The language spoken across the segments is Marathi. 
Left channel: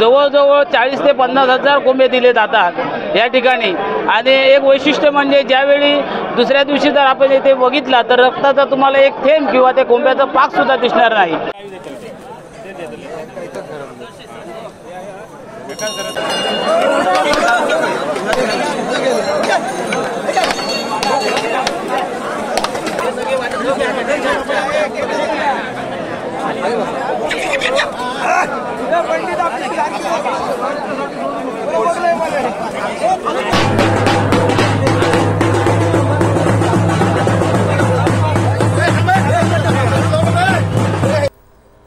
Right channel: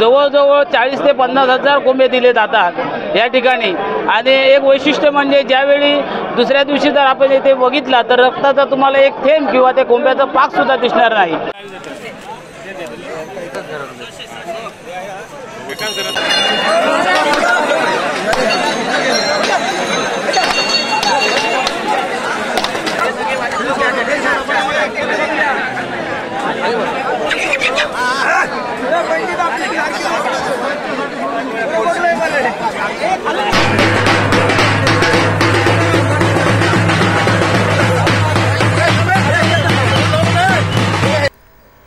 जवळजवळ 40 ते 50,000 कोंबे दिले जातात या ठिकाणी. आणि एक वैशिष्ट्य म्हणजे ज्यावेळी दुसऱ्या दिवशी जर आपण येथे बघितला तर रक्ताचा तुम्हाला एक थेंब किंवा त्या कोंब्याचा पाक सुद्धा दिसणार नाही.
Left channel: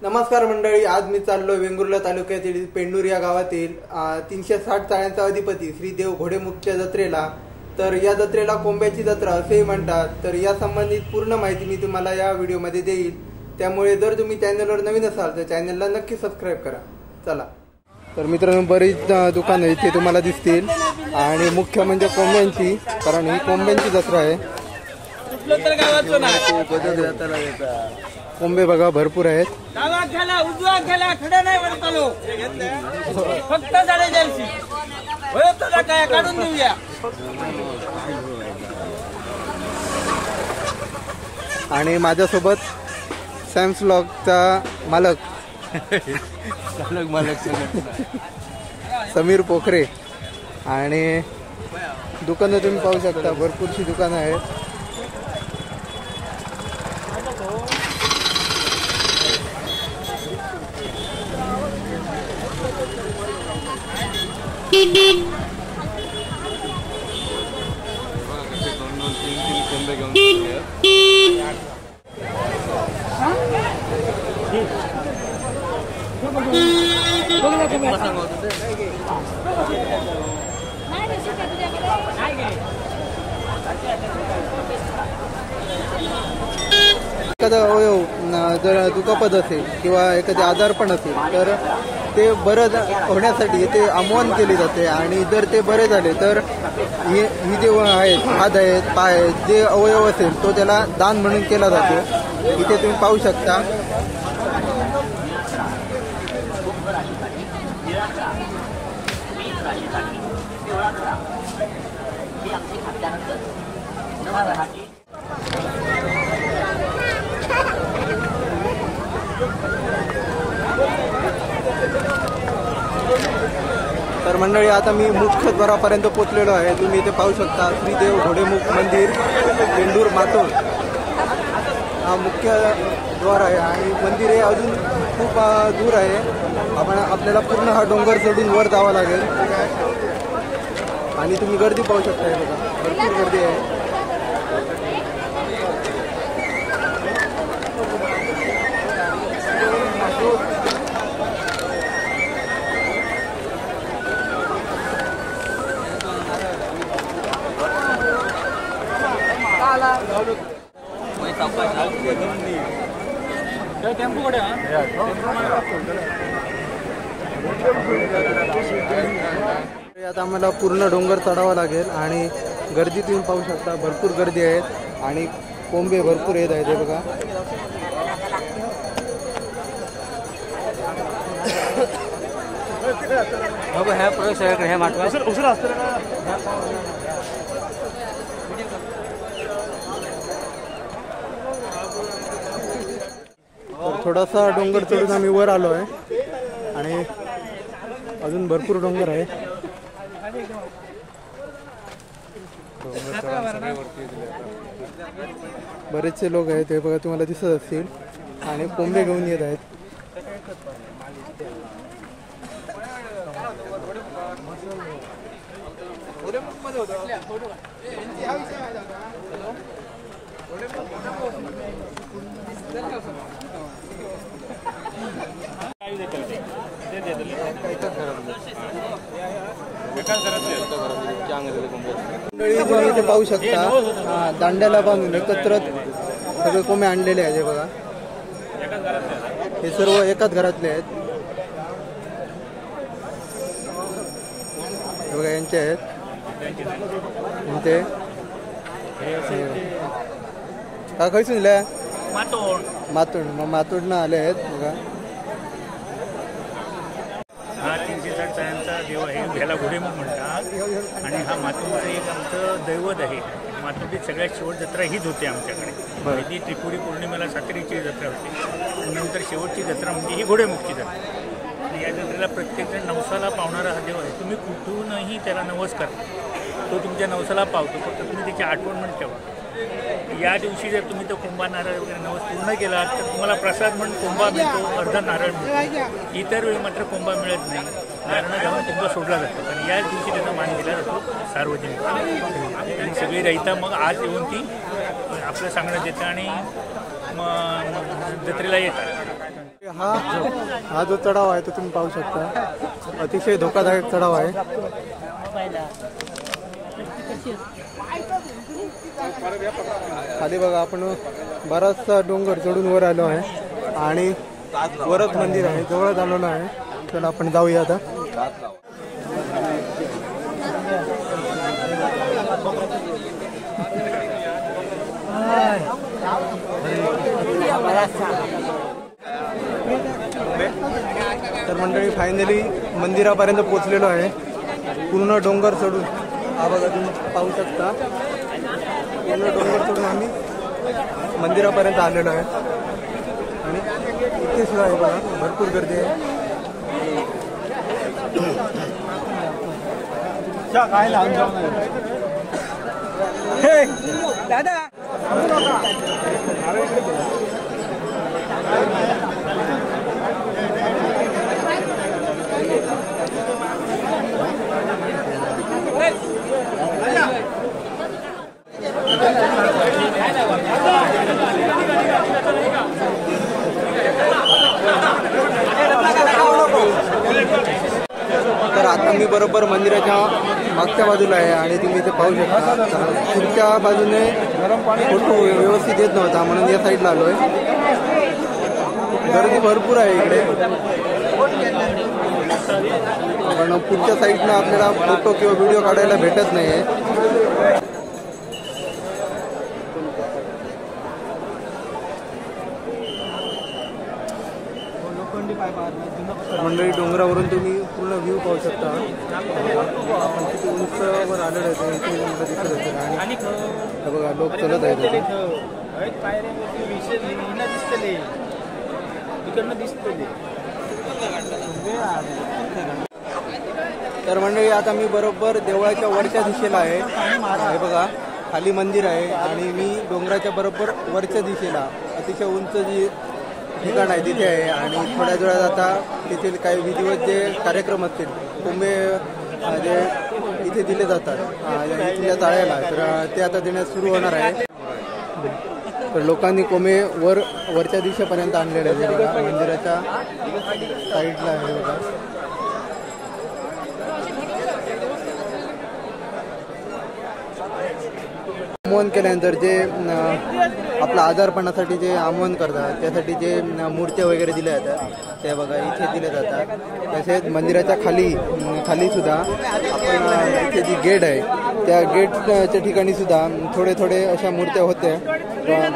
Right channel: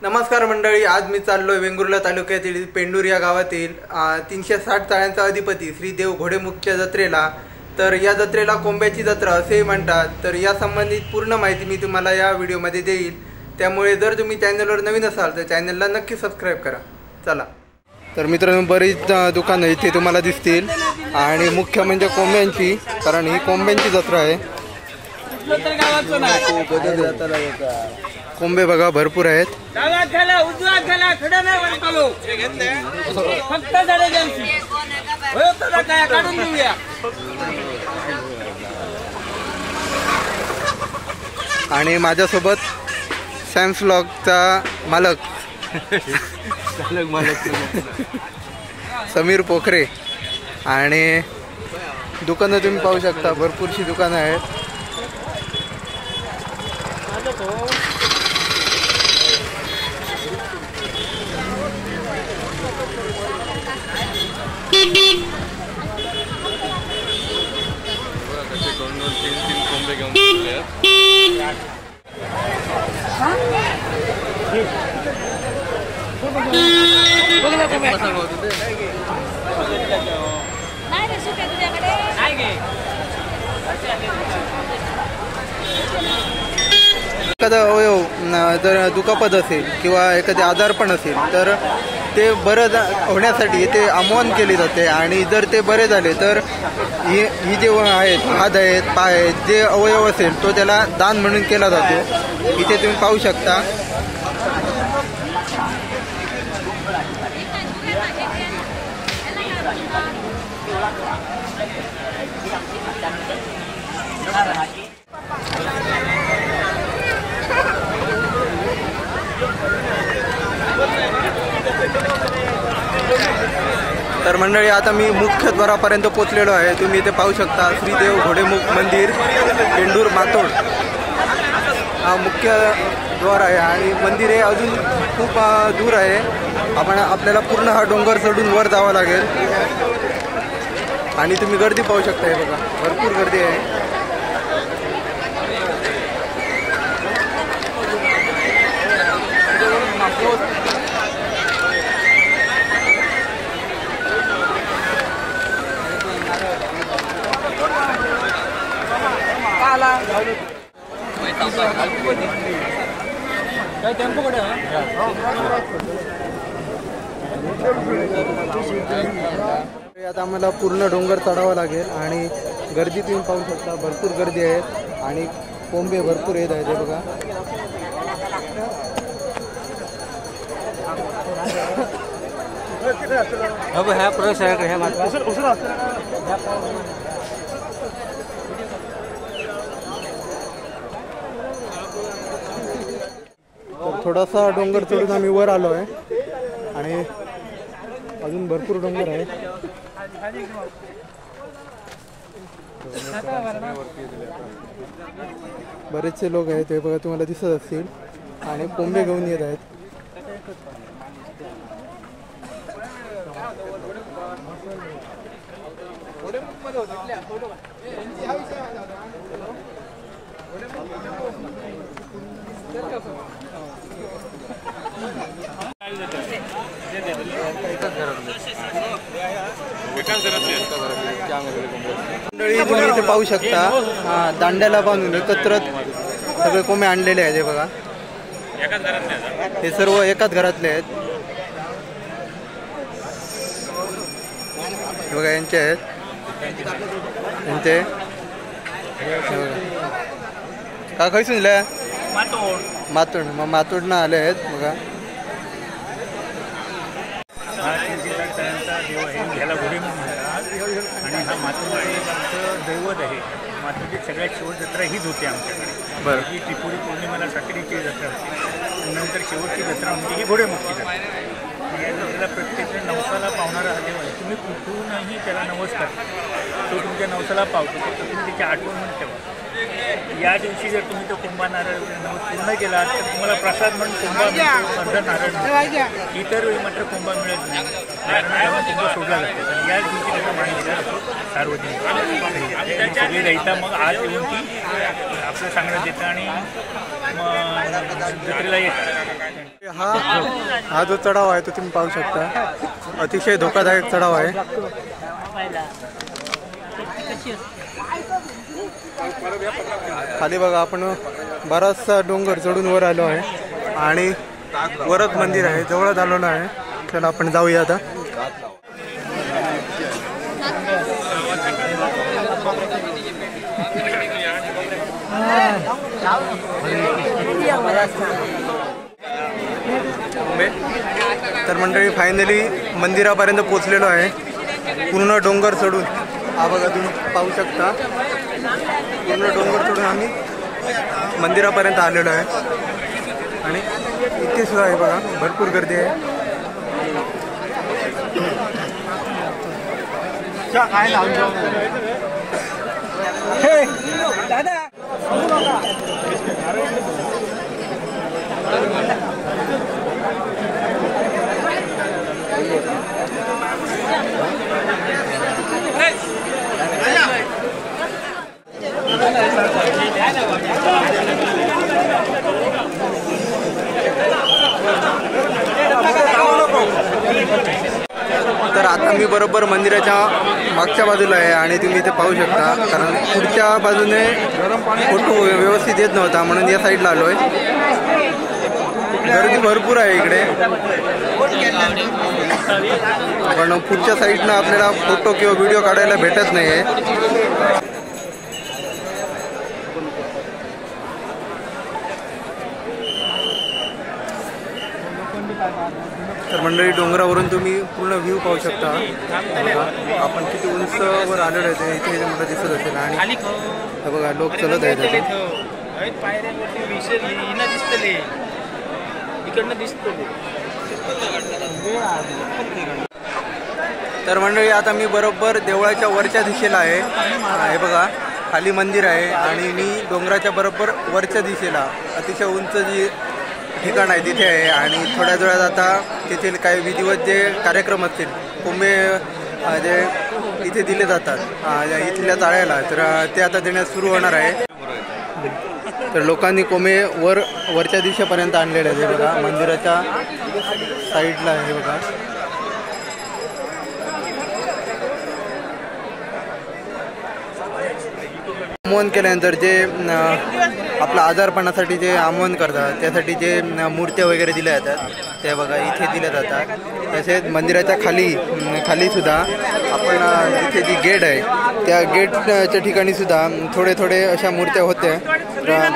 नमस्कार मंडळी, आज मी चाललोय वेंगुर्ला तालुक्यातील पेंडूर या गावातील 360 तळ्यांचा अधिपती श्री देव घोडेमुखच्या जत्रेला. तर या जत्रेला कोंब्याची जत्रा असे म्हणतात. तर या संबंधित पूर्ण माहिती मी तुम्हाला या व्हिडिओमध्ये देईल. त्यामुळे जर तुम्ही चॅनलवर नवीन असाल तर चॅनलला नक्की सबस्क्राईब करा. चला. तर मित्रांनो, बरीच दुकानं इथे तुम्हाला दिसतील आणि मुख्य म्हणजे कोंब्यांची, कारण ही कोंब्यांची जत्रा आहे. कोंबे बघा भरपूर आहेत. आणि माझ्यासोबत सॅम्स व्लॉगचा मालक समीर पोखरे. आणि दुकानं तुम्ही पाहू शकता, भरपूरशी दुकानं आहेत. एखादा अवयव जर दुखापत असेल किंवा एखादे आजारपण असेल तर ते बरं होण्यासाठी इथे आवाहन केले जाते. आणि जर ते बरे झाले तर ही जे आहेत, हात आहेत, पाय आहेत, जे अवयव असेल तो त्याला दान म्हणून केला जातो. इथे तुम्ही पाहू शकता. तर मंडळी, आता मी मुख्य द्वारापर्यंत पोहोचलेलो आहे. तुम्ही इथे पाहू शकता श्री देव घोडेमुख मंदिर पेंडूर मातोड हा मुख्य द्वार आहे. आणि मंदिर हे अजून खूप दूर आहे. आपल्याला पूर्ण हा डोंगर चढून वर जावं लागेल. आणि तुम्ही गर्दी पाहू शकता. हे बघा, भरपूर गर्दी आहे. आता आम्हाला पूर्ण डोंगर चढावा लागेल. आणि गर्दी तुम्ही पाहू शकता, भरपूर गर्दी आहे. आणि कोंबे भरपूर येत आहेत. हे बघा, तर थोडासा डोंगर चढून आम्ही वर आलो आहे. आणि अजून भरपूर डोंगर आहे. बरेचसे लोक आहेत, ते बघा तुम्हाला दिसत असतील. आणि कोंबे घेऊन येत आहेत. मंडळी, तुम्ही इथे पाहू शकता दांड्याला बांधून एकत्र सगळे कोंबे आणलेले आहेत. हे बघा, हे सर्व एकाच घरातले आहेत. हे बघा, यांचे आहेत. यांचे का खैसून दिल्या मातोड, मग मातोडनं आले आहेत बघा. हा 360 तळ्यांचा देव आहे, ह्याला घोडेमुख म्हणतात आणि हा मातोडीचे आमचं दैवत आहे. मातोडीत सगळ्यात शेवट जत्रा हीच होती आमच्याकडे. बरं. ही त्रिपुरी पौर्णिमेला साखरेची जत्रा होती. नंतर शेवटची जत्रा म्हणजे ही घोडेमुखची जत्रा. या जत्रेला प्रत्येक नवसाला पावणारा हा देव आहे. तुम्ही कुठूनही त्याला नमस्कार, तो तुमच्या नवसाला पावतो, फक्त तुम्ही त्याची आठवण म्हणून ठेवा. या दिवशी जर तुम्ही तो कुंभा नारळ नवस पूर्ण केला तर तुम्हाला प्रसाद म्हणून कुंभा मिळतो, अर्धा नारळ मिळतो. इतर वेळी मात्र कुंभा मिळत नाही. नारायण जेव्हा कुंभ सोडला जातो पण याच दिवशी त्याचा मान दिला जातो सार्वजनिक. आणि सगळी रहिता मग आज येऊन ती आपलं सांगण्यात देतं आणि मग जत्रेला येतात. हा जो चढाव आहे तो तुम्ही पाहू शकता, अतिशय धोकादायक चढाव आहे. खाली बघा, आपण बराचसा डोंगर चढून वर आलो आहे आणि वरच मंदिर आहे, जवळच आलेलो आहे. चला आपण जाऊया आता. तर मंडळी फायनली मंदिरापर्यंत पोहोचलेलो आहे, पूर्ण डोंगर चढून. हा बघा, तुम्ही पाहू शकता, पूर्ण डोंगर चढून आम्ही मंदिरापर्यंत आलेलो आहे. आणि इथे सुद्धा आहे बघा, भरपूर गर्दी आहे. तर आता मी बरोबर मंदिराच्या मागच्या बाजूला आहे आणि तुम्ही इथे पाहू शकता, कारण पुढच्या बाजूने फोटो व्यवस्थित येत नव्हता म्हणून या साईडला आलो आहे. गर्दी भरपूर आहे इकडे, पण पुढच्या साईडनं आपल्याला फोटो किंवा व्हिडिओ काढायला भेटत नाही आहे. तर मंडळी, डोंगरावरून तुम्ही पूर्ण व्ह्यू पाहू शकता. आपण किती उंच वर आलेलो आहे इथे मला दिसत असेल. आणि हे बघा, लोक चलत आहेत तिथे. तर मंडळी, आता मी बरोबर देवळाच्या वरच्या दिशेला आहे. हे बघा, खाली मंदिर आहे आणि मी डोंगराच्या बरोबर वरच्या दिशेला अतिशय उंच जी ठिकाण आहे तिथे आहे. आणि थोड्याच वेळात आता तेथील काही विधिवत जे कार्यक्रम असतील, कोंबे जे इथे दिले जातात इथल्या ताळ्याला, तर ते आता देण्यास सुरू होणार आहे. तर लोकांनी कोंबे वरच्या दिशेपर्यंत आणलेले आहे. बघा, मंदिराच्या साईडला आहे बघा. आमोहन केल्यानंतर जे आपलं आजारपणासाठी जे आमोहन करतात त्यासाठी जे मूर्त्या वगैरे दिल्या जातात ते बघा इथे दिल्या जातात. तसेच मंदिराच्या खाली सुद्धा आपण इथे जी गेट आहे त्या गेटच्या ठिकाणी सुद्धा थोडे थोडे अशा मूर्त्या होत्या.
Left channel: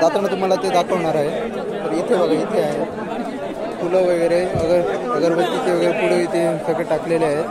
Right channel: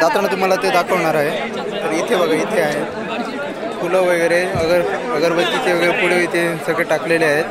जाताना तुम्हाला ते दाखवणार आहे. तर इथे बघा, इथे आहे फुलं वगैरे, अगरबत्तीचे वगैरे पुढे इथे सगळे टाकलेले आहेत.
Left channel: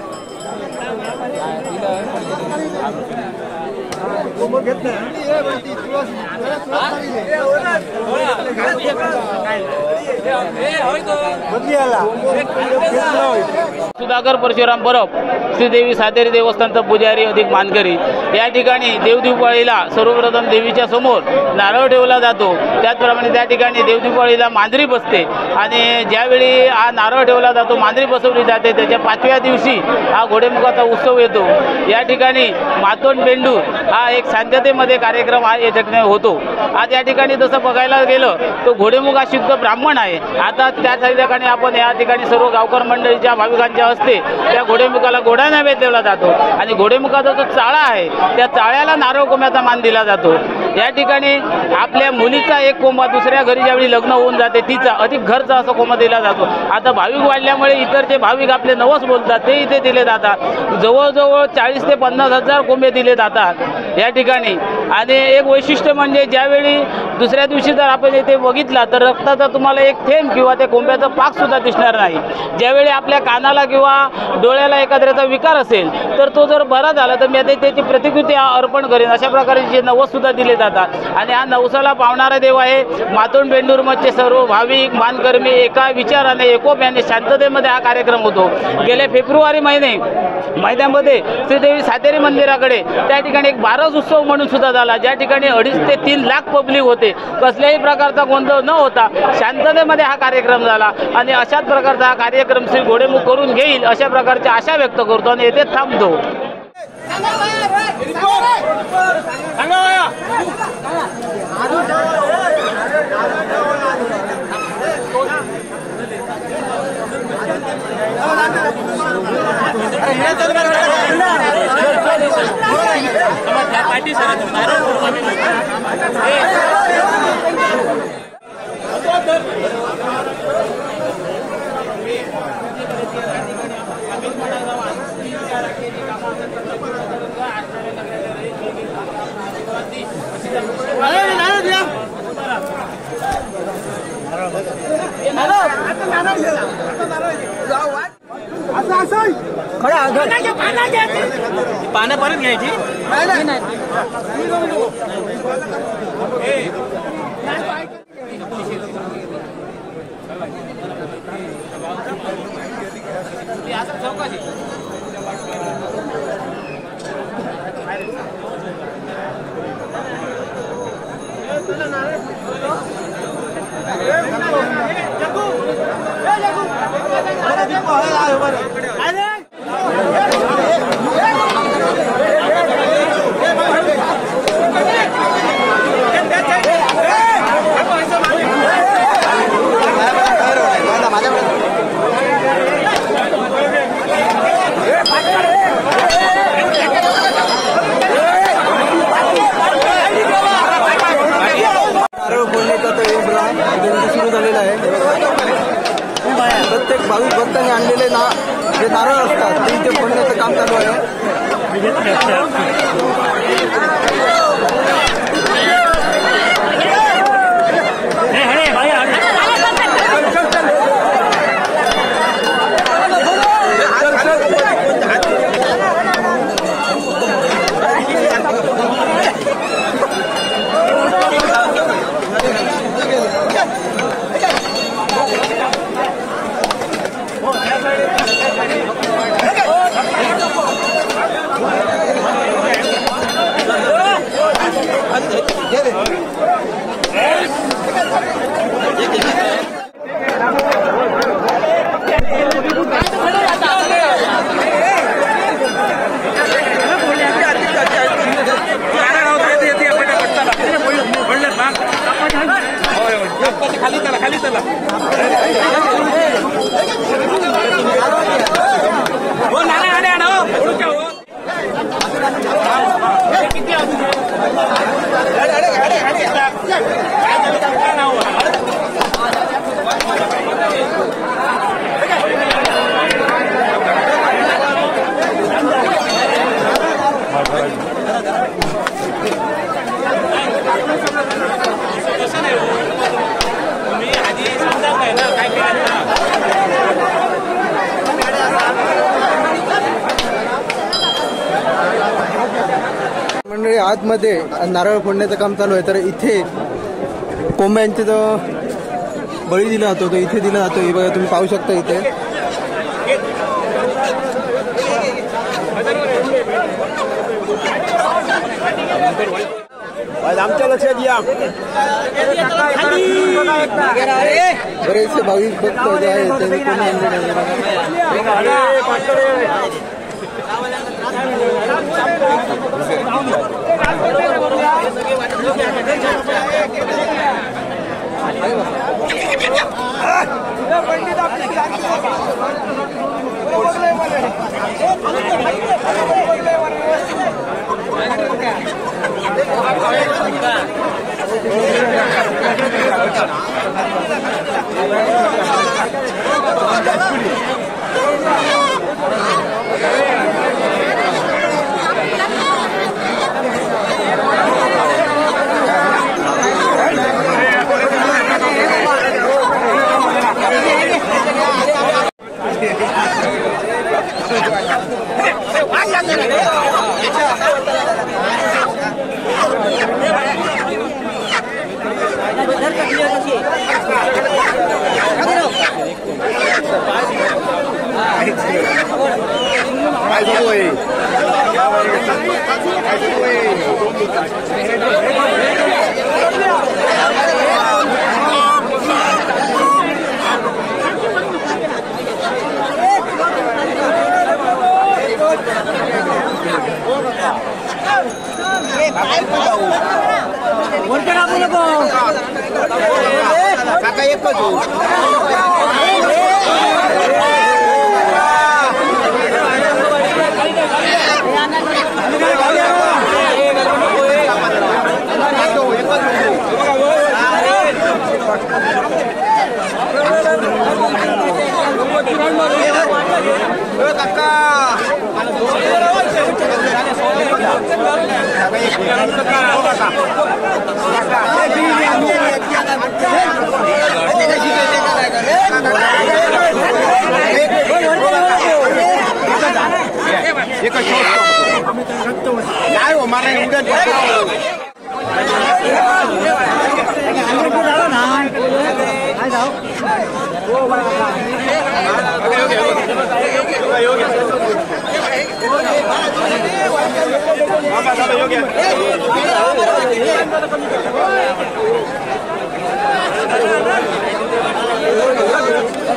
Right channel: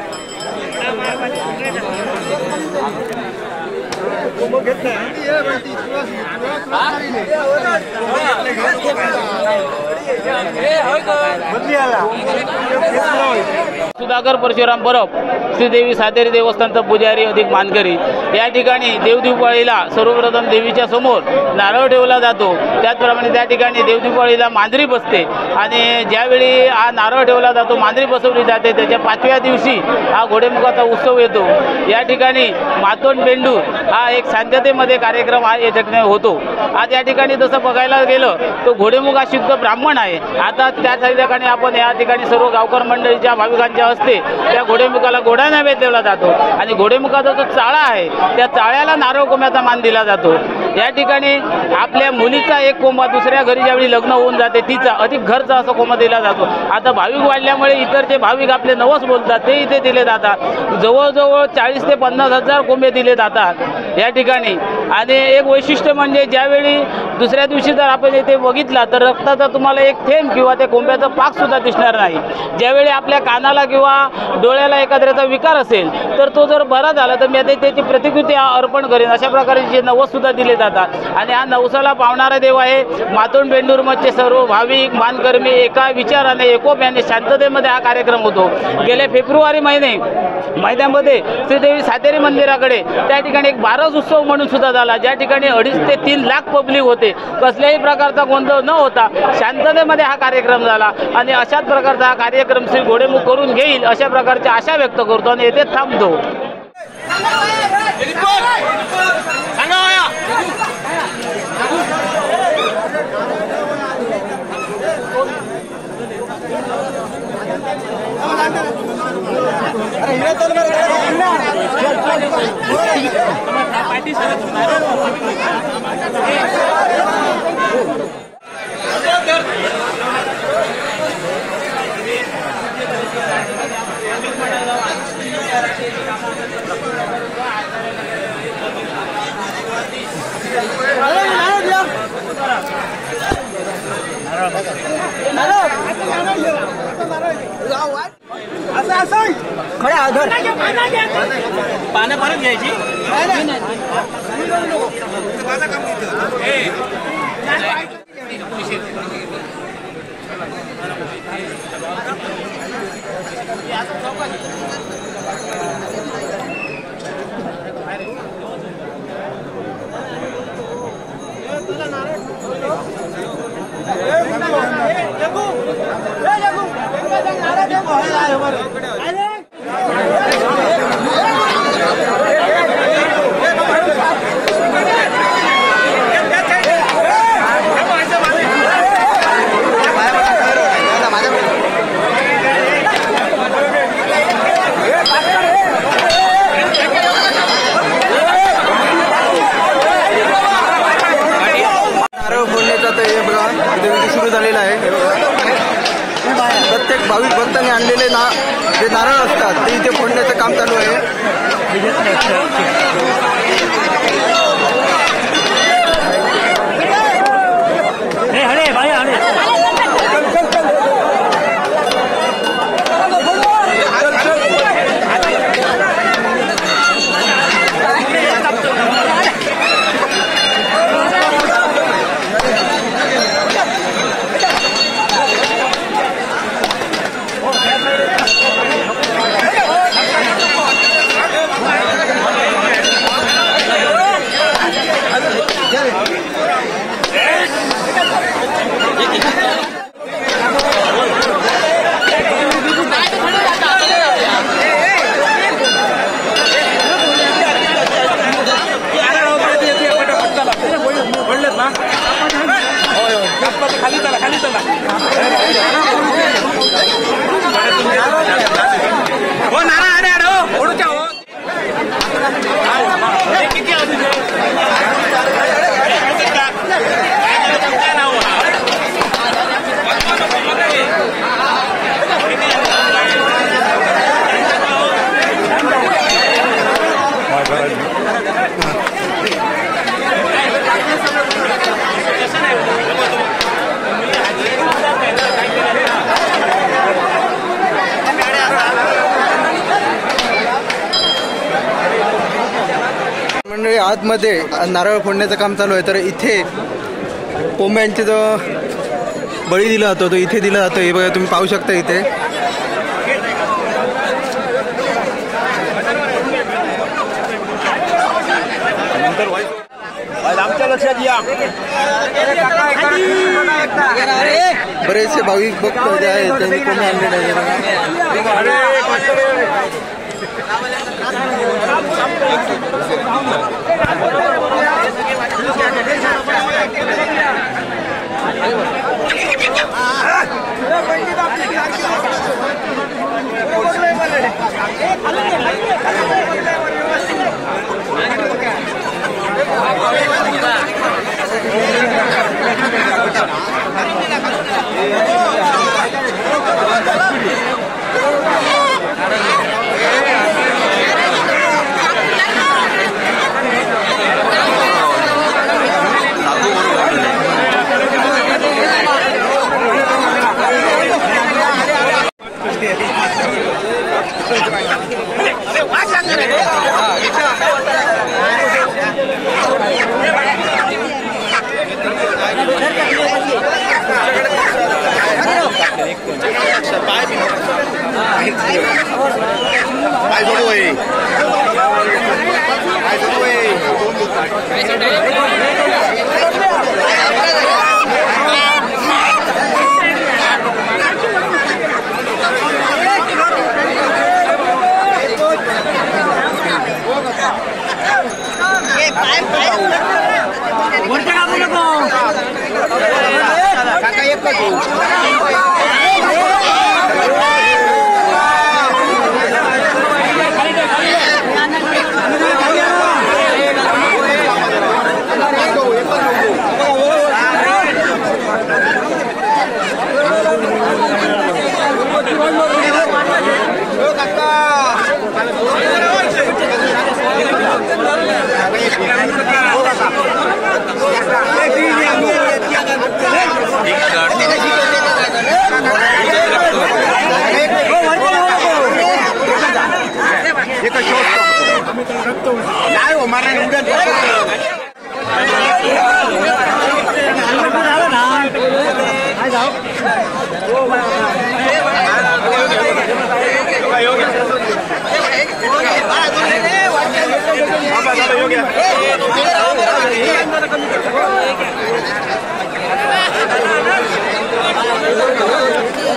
सुधाकर परशुराम बरोब, श्रीदेवी सातेरी देवस्थानचा पुजारी अधिक मानकरी. या ठिकाणी देवदीपावळीला सर्वप्रथम देवीच्या समोर नारळ ठेवला जातो. त्याचप्रमाणे त्या ठिकाणी देवदीपावळीला मांजरी बसते आणि ज्यावेळी हा नारळ ठेवला जातो, मांजरी बसवली जाते, त्याच्या 5व्या दिवशी हा घोडेमुखाचा उत्सव येतो. या ठिकाणी मातोंड बेंडूर हा एक शांततेमध्ये कार्यक्रम हा या ठिकाणी होतो. आज या ठिकाणी जसं बघायला गेलं तो घोडेमुख हा शुद्ध ब्राह्मण आहे. आता त्याच ठिकाणी आपण या ठिकाणी सर्व गावकर मंडळीच्या भाविकांच्या हस्ते त्या घोडेमुखाला घोडा नैवेद्य दिला जातो आणि घोडेमुखाचा जो चाळा आहे त्या चाळ्याला नारळ कोंब्याचा मान दिला जातो. या ठिकाणी आपल्या मुलीचा एक कोंबा दुसऱ्या घरी ज्यावेळी लग्न होऊन जाते तिचा अधिक घरचा असा कोंबा दिला जातो. आता भाविक वाढल्यामुळे इतर जे भाविक आपले नवस बोलतात ते इथे दिले जातात. जवळजवळ 40 ते 50 हजार कोंबे दिले जातात या ठिकाणी. आणि एक वैशिष्ट्य म्हणजे ज्यावेळी दुसऱ्या दिवशी जर आपण इथे बघितला तर रक्ताचा तुम्हाला एक थेंब किंवा त्या कोंब्याचा पाकसुद्धा दिसणार नाही. ज्यावेळी आपल्या कानाला किंवा डोळ्याला एखाद्याचा विकार असेल तर तो जर बरा झाला तर मी आता त्याची प्रतिकृती अर्पण करेन अशा प्रकारचे नवससुद्धा दिले जातात. आणि हा नवसाला पावणारा देव आहे. मातोंड बेंडूरमधचे सर्व भाविक मानकर्मी एका विचाराने एकोप्याने शांततेमध्ये हा कार्यक्रम होतो. गेल्या फेब्रुवारी महिन्यामध्ये श्रीदेवी सातेरी मंदिराकडे त्या ठिकाणी एक बारस उत्सव म्हणून सुद्धा झाला, ज्या ठिकाणी 2.5 ते 3 लाख पब्लिक होते. कसल्याही प्रकारचा गोंधळ न होता शांततेमध्ये हा कार्यक्रम झाला. आणि अशाच प्रकारचा हा कार्यक्रम श्री घोडेमुख करून घेईल अशा प्रकारची आशा व्यक्त करतो आणि येथे थांबतो. पानं परत घ्यायची. सुरू झालेला आहे. प्रत्येक भाविक भक्तांनी आणलेले जे नारळ असतात ते इथे फोडण्याचं काम चालू आहे. मंडळी आतमध्ये नारळ फोडण्याचं काम चालू आहे. तर इथे कोंब्यांचे जो बळी दिला जातो तो इथे दिला जातो. हे बघा तुम्ही पाहू शकता इथे. आमच्या लक्षात या बरेचसे भाविक भक्त जे आहेत त्यांनी कोंबे आणलेले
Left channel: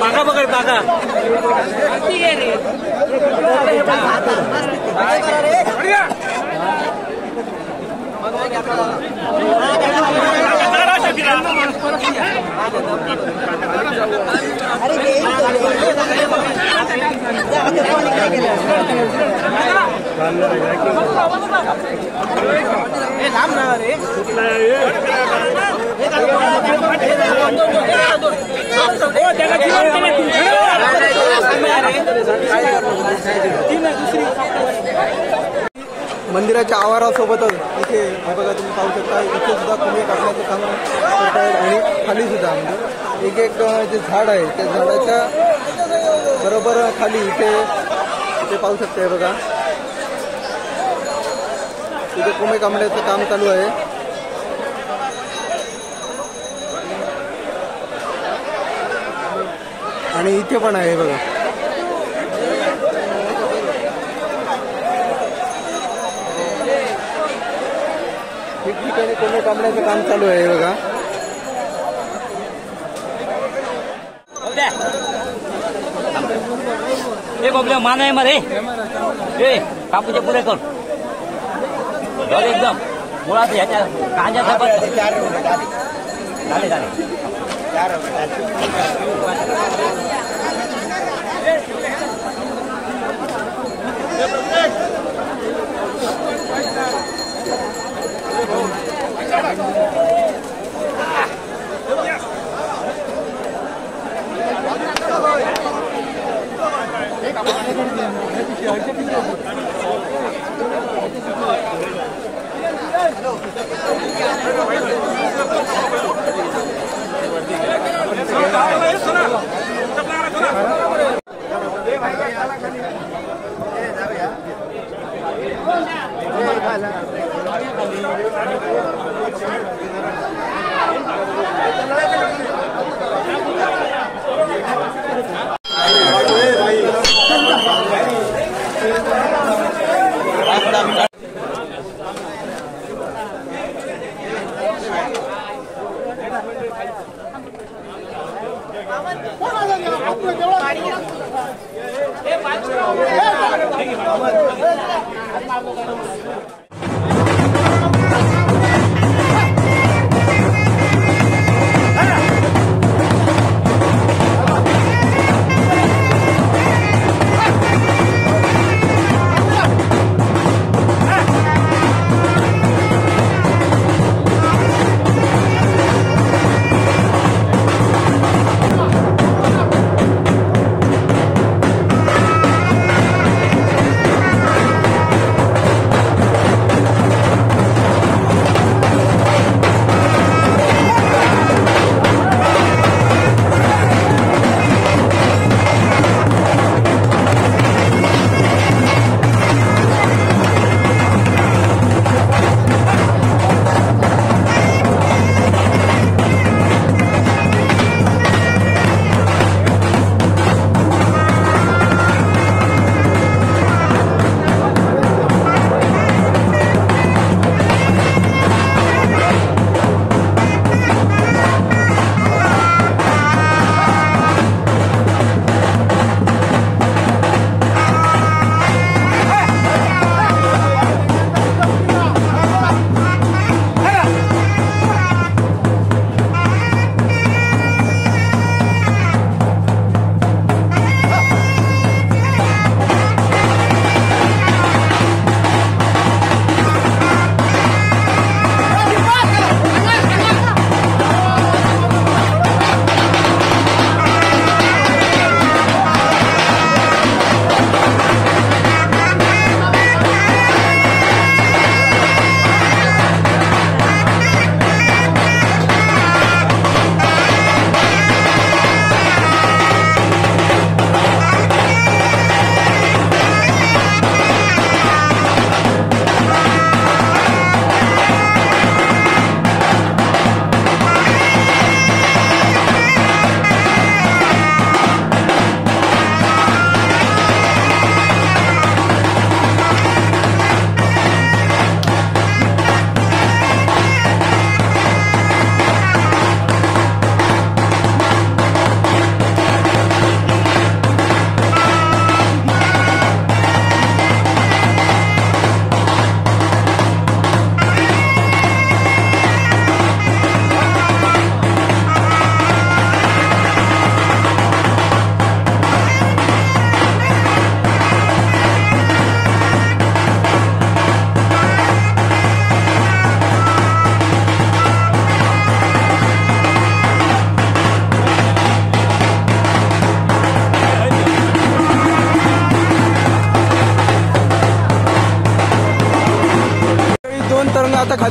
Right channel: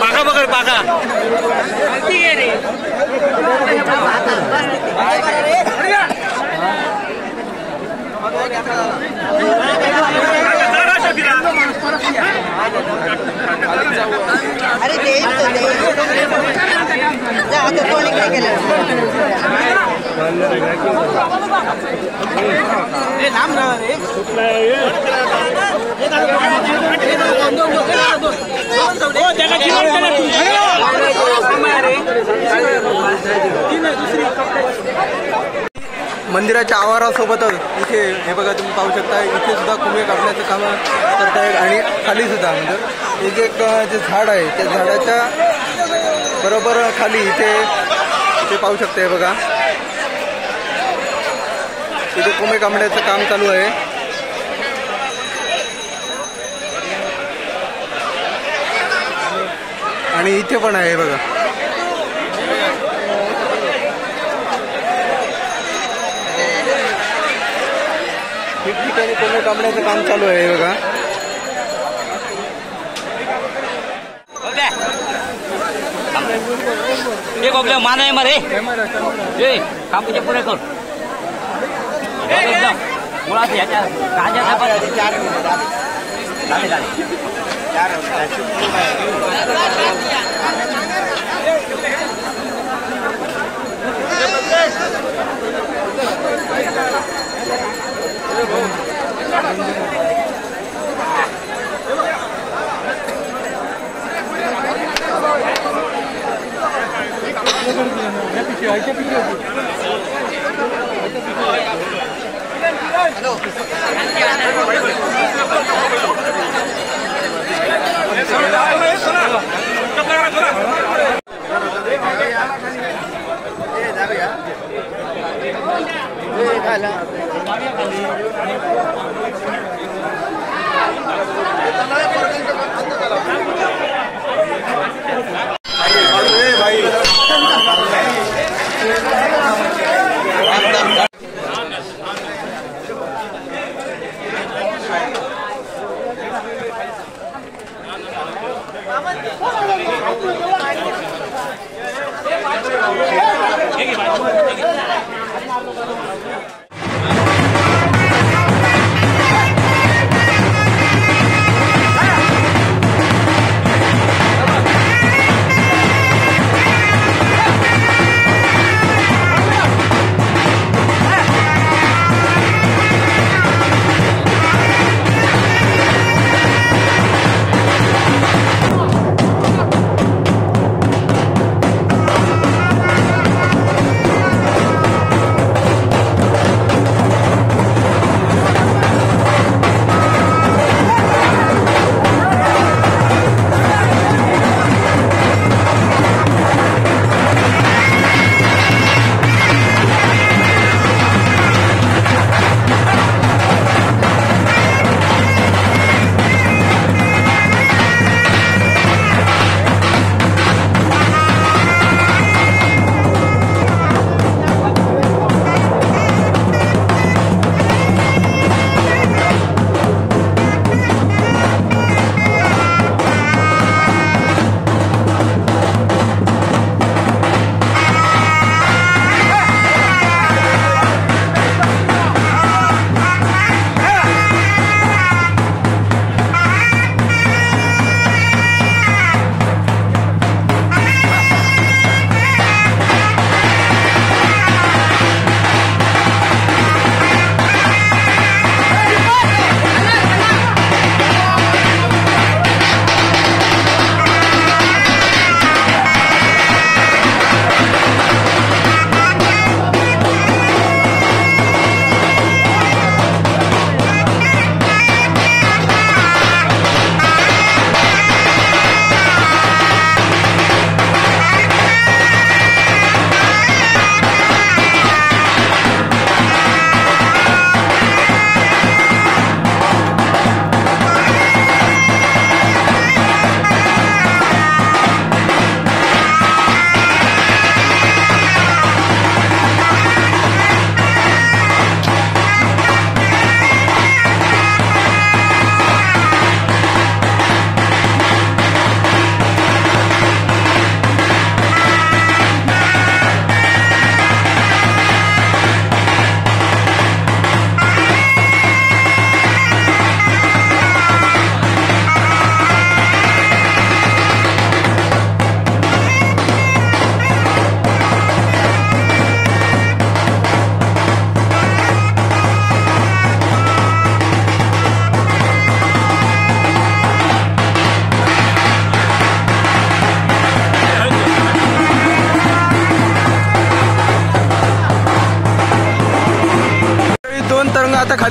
पाका बघ पाका अरे देईल आता कोणी काय केलं मंदिराच्या आवारासोबतच इथे हे बघा तुम्ही पाहू शकता, इथे सुद्धा कुंभे कापण्याचं काम करतायत आणि खाली सुद्धा म्हणजे एक एक जे झाड आहे त्या झाडाच्या बरोबर खाली इथे ते पाहू शकता. हे बघा इथे कुंभे कापण्याचं काम चालू आहे. आणि इथे पण आहे बघा. ठिकठिकाणी कोंबडे कापण्याचं काम चालू आहे बघा. मान आहे मरे पुढे कर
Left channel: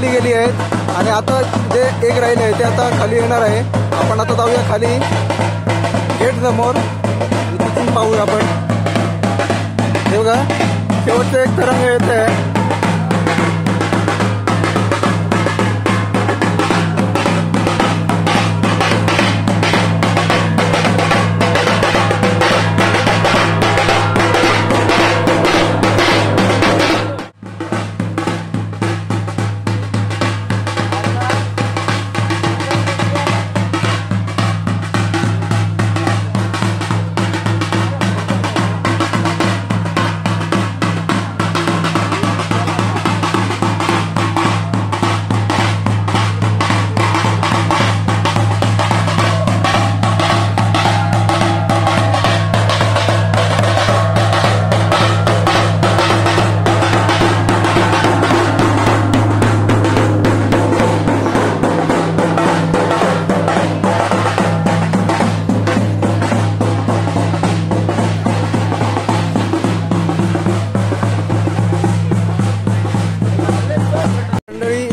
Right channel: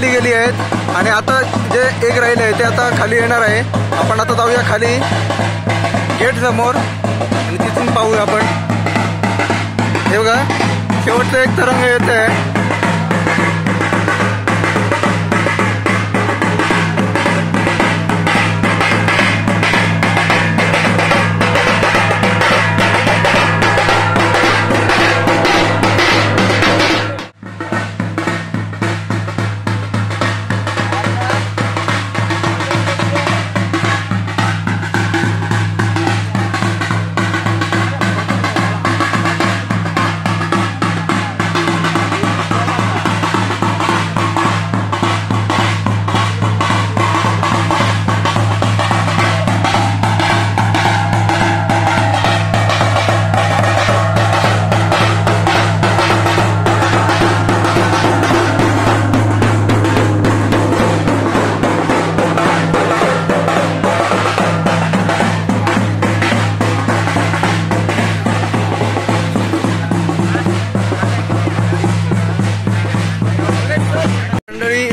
खाली गेली आहेत आणि आता जे एक राहिले आहे ते आता खाली येणार आहे. आपण आता जाऊया खाली गेट समोर आणि तिथून पाहूया आपण. हे बघा शेवटचं एक तरंग येत आहे.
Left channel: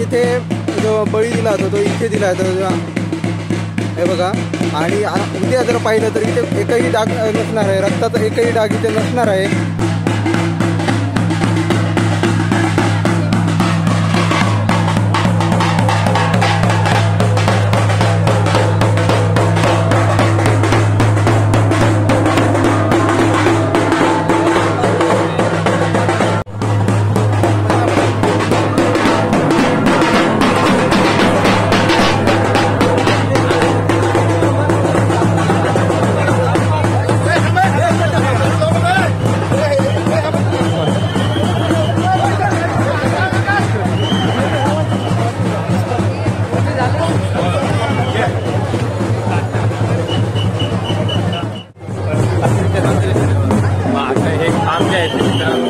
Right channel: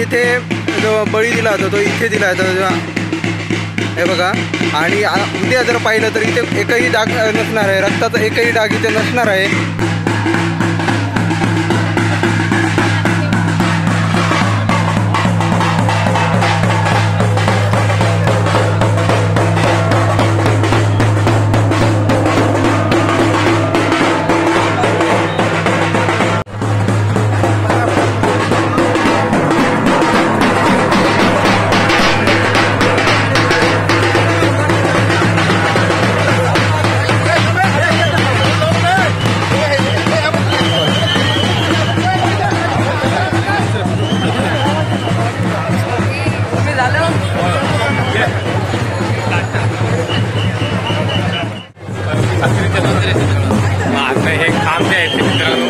इथे जो बळी दिला होता तो इथे दिला होता. हे बघा. आणि उद्या जर पाहिलं तर इथे एकही डाग नसणार आहे. रक्ताचा एकही डाग इथे नसणार आहे. आता हे काम जे आहे ते मित्रांनो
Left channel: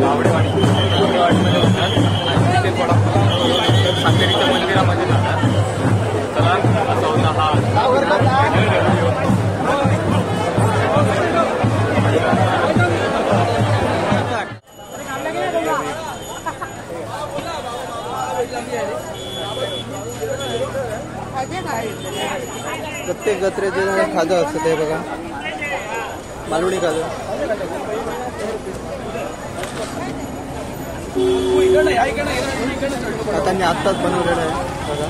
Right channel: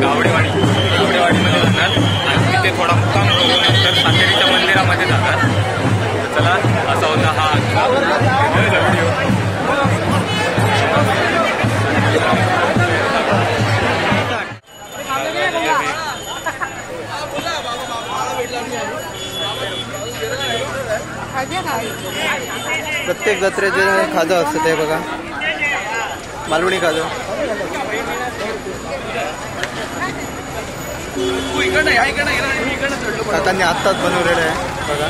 गावडेवाडीमध्ये जाणार आणि तिथे थोडा मुक्काम करून नंतर सातेरीच्या मंदिरामध्ये जाणार. तर चला असा होता हा प्रत्येक जत्रेचे खादं असतं ते बघा. मालवणी खादं. काकांनी आत्ताच बनवलेलं आहे बघा.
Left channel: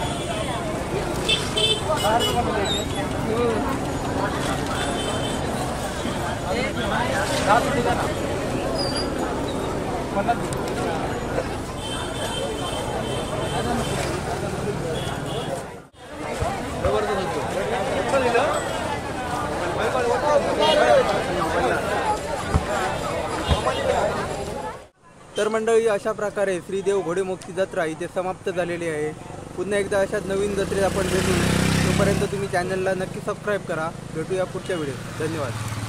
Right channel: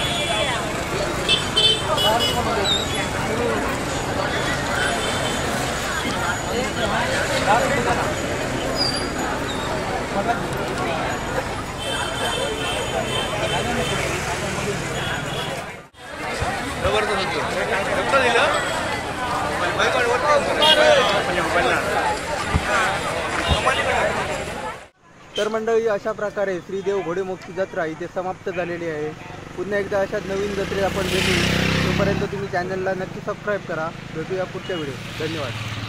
तर मंडळी अशा प्रकारे श्रीदेव घोडेमुक्ती जत्रा इथे समाप्त झालेली आहे. पुन्हा एकदा अशाच नवीन जत्रेत आपण भेटू. तोपर्यंत तुम्ही चॅनलला नक्की सबस्क्राईब करा. भेटूया पुढच्या व्हिडिओ. धन्यवाद.